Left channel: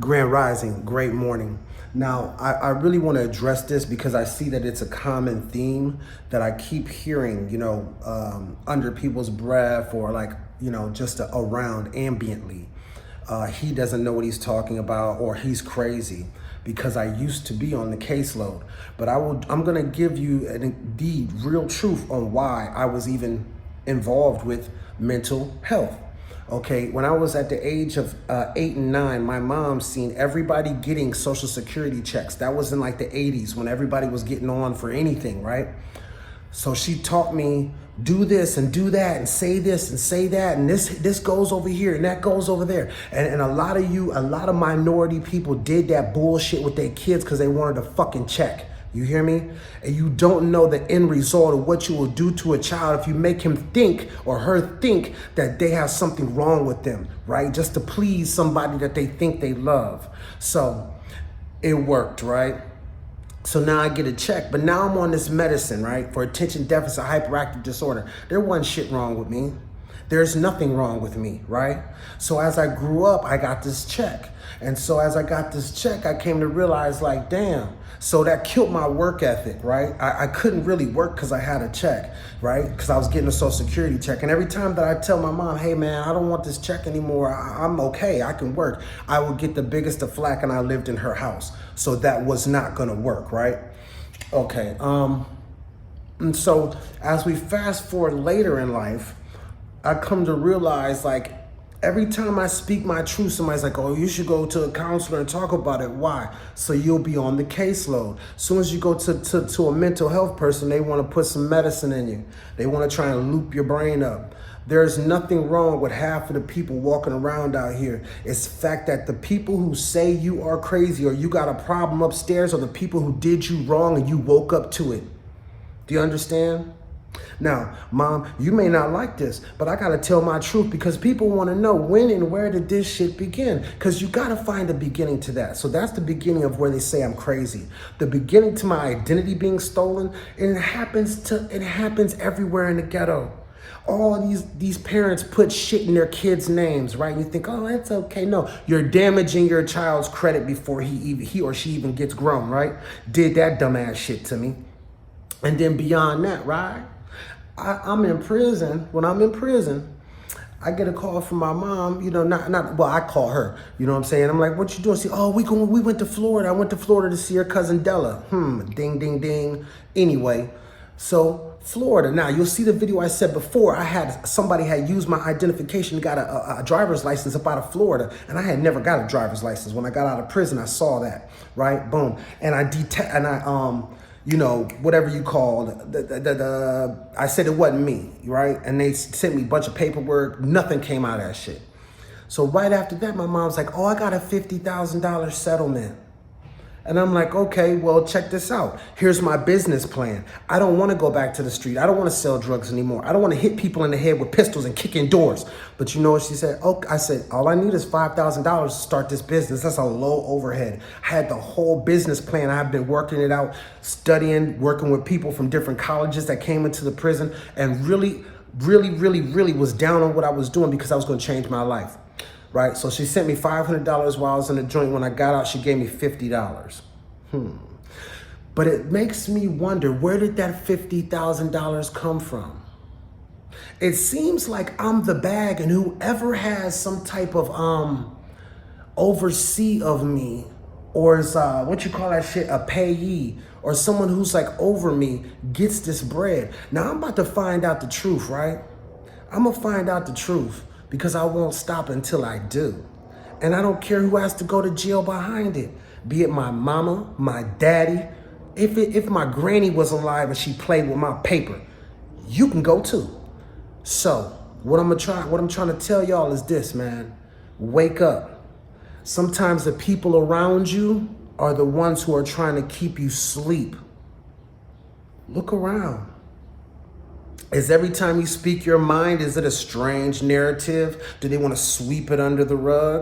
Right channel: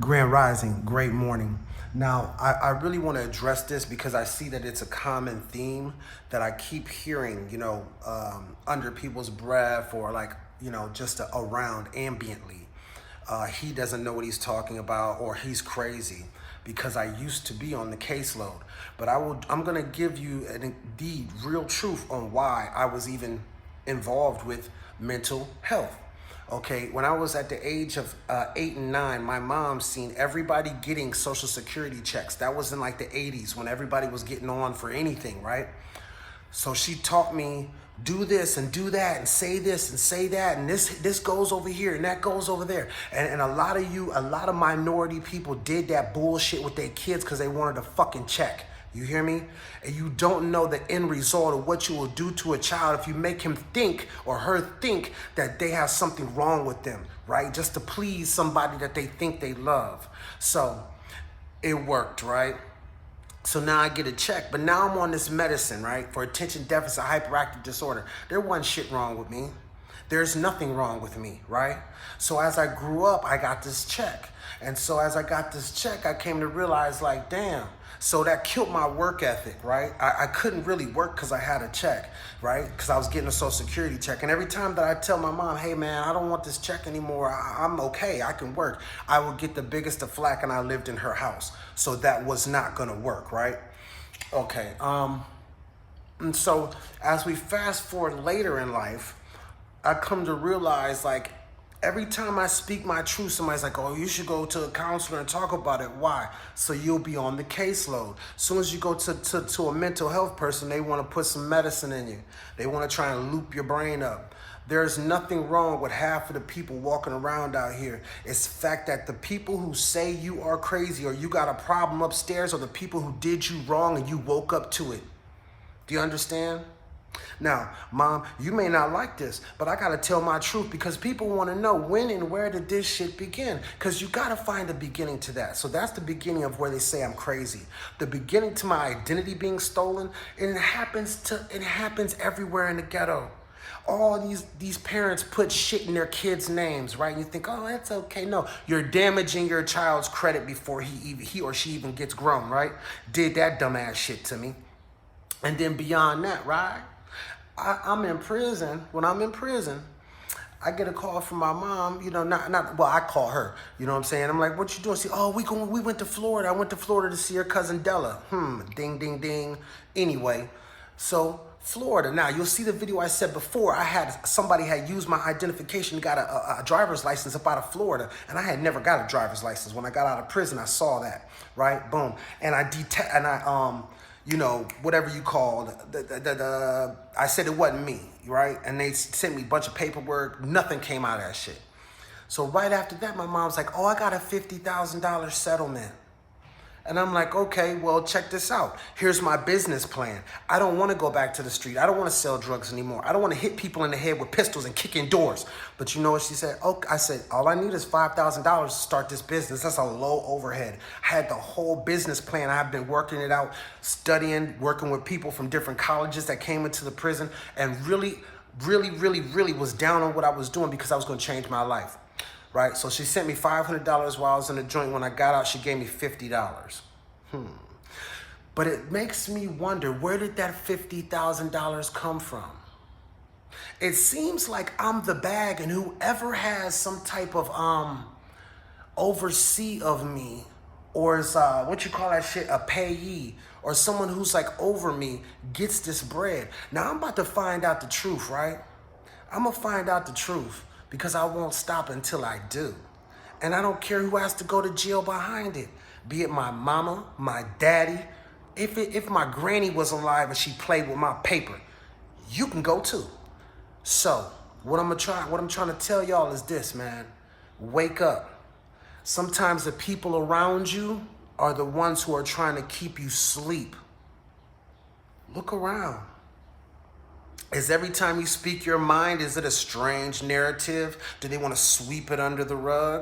Grand Rising, great morning. Now, I really want to address this because I see that it's a common theme that I keep hearing, under people's breath or like, just around ambiently. He doesn't know what he's talking about or he's crazy because I used to be on the caseload. But I'm going to give you an indeed real truth on why I was even involved with mental health. Okay, when I was at the age of 8 and 9, my mom seen everybody getting Social Security checks. That was in like the 80s when everybody was getting on for anything, right? So she taught me, do this and do that and say this and say that and this goes over here and that goes over there. And a lot of minority people did that bullshit with their kids because they wanted a fucking check. You hear me? And you don't know the end result of what you will do to a child if you make him think or her think that they have something wrong with them, right? Just to please somebody that they think they love. So it worked, right? So now I get a check, but now I'm on this medicine, right? For attention deficit hyperactive disorder. There wasn't shit wrong with me. There's nothing wrong with me, right? So as I grew up, I got this check. And so as I got this check, I came to realize like, damn, so that killed my work ethic, right? I couldn't really work because I had a check, right? Because I was getting a Social Security check. And every time that I tell my mom, hey man, I don't want this check anymore, I'm okay, I can work, I would get the biggest of flack, and I lived in her house. So that was not gonna work, right? Okay, and so as we fast forward later in life, I come to realize like every time I speak my truth, somebody's like, oh, you should go to a counselor and talk about it. Why? So you'll be on the caseload. As soon as you go to a mental health person, they want to put some medicine in you. They want to try and loop your brain up. There's nothing wrong with half of the people walking around out here. It's the fact that the people who say you are crazy or you got a problem upstairs are the people who did you wrong and you woke up to it. Do you understand? Now, Mom, you may not like this, but I gotta tell my truth because people wanna know when and where did this shit begin? Because you gotta find a beginning to that. So that's the beginning of where they say I'm crazy. The beginning to my identity being stolen, and it happens everywhere in the ghetto. All these parents put shit in their kids' names, right? And you think, oh, that's okay. No, you're damaging your child's credit before he or she even gets grown, right? Did that dumbass shit to me. And then beyond that, right? I'm in prison. When I'm in prison, I get a call from my mom, well, I call her, you know what I'm saying? I'm like, what you doing? She, oh, we went to Florida. I went to Florida to see her cousin Della. Ding, ding, ding. Anyway, so Florida. Now, you'll see the video I said before. Somebody had used my identification, got a driver's license up out of Florida, and I had never got a driver's license. When I got out of prison, I saw that, right? Boom. And whatever you call I said it wasn't me, right? And they sent me a bunch of paperwork. Nothing came out of that shit. So right after that, my mom's like, oh, I got a $50,000 settlement. And I'm like, okay, well, check this out. Here's my business plan. I don't want to go back to the street. I don't want to sell drugs anymore. I don't want to hit people in the head with pistols and kick in doors. But you know what she said? Oh, I said, all I need is $5,000 to start this business. That's a low overhead. I had the whole business plan. I've been working it out, studying, working with people from different colleges that came into the prison, and really, really, really, really was down on what I was doing because I was going to change my life. Right, so she sent me $500 while I was in the joint. When I got out, she gave me $50. But it makes me wonder, where did that $50,000 come from? It seems like I'm the bag, and whoever has some type of oversee of me, or is what you call that shit, a payee, or someone who's like over me, gets this bread. Now I'm about to find out the truth, right? I'm gonna find out the truth, because I won't stop until I do. And I don't care who has to go to jail behind it. Be it my mama, my daddy. If my granny was alive and she played with my paper, you can go too. So what I'm trying to tell y'all is this, man. Wake up. Sometimes the people around you are the ones who are trying to keep you asleep. Look around. Is every time you speak your mind, is it a strange narrative? Do they want to sweep it under the rug?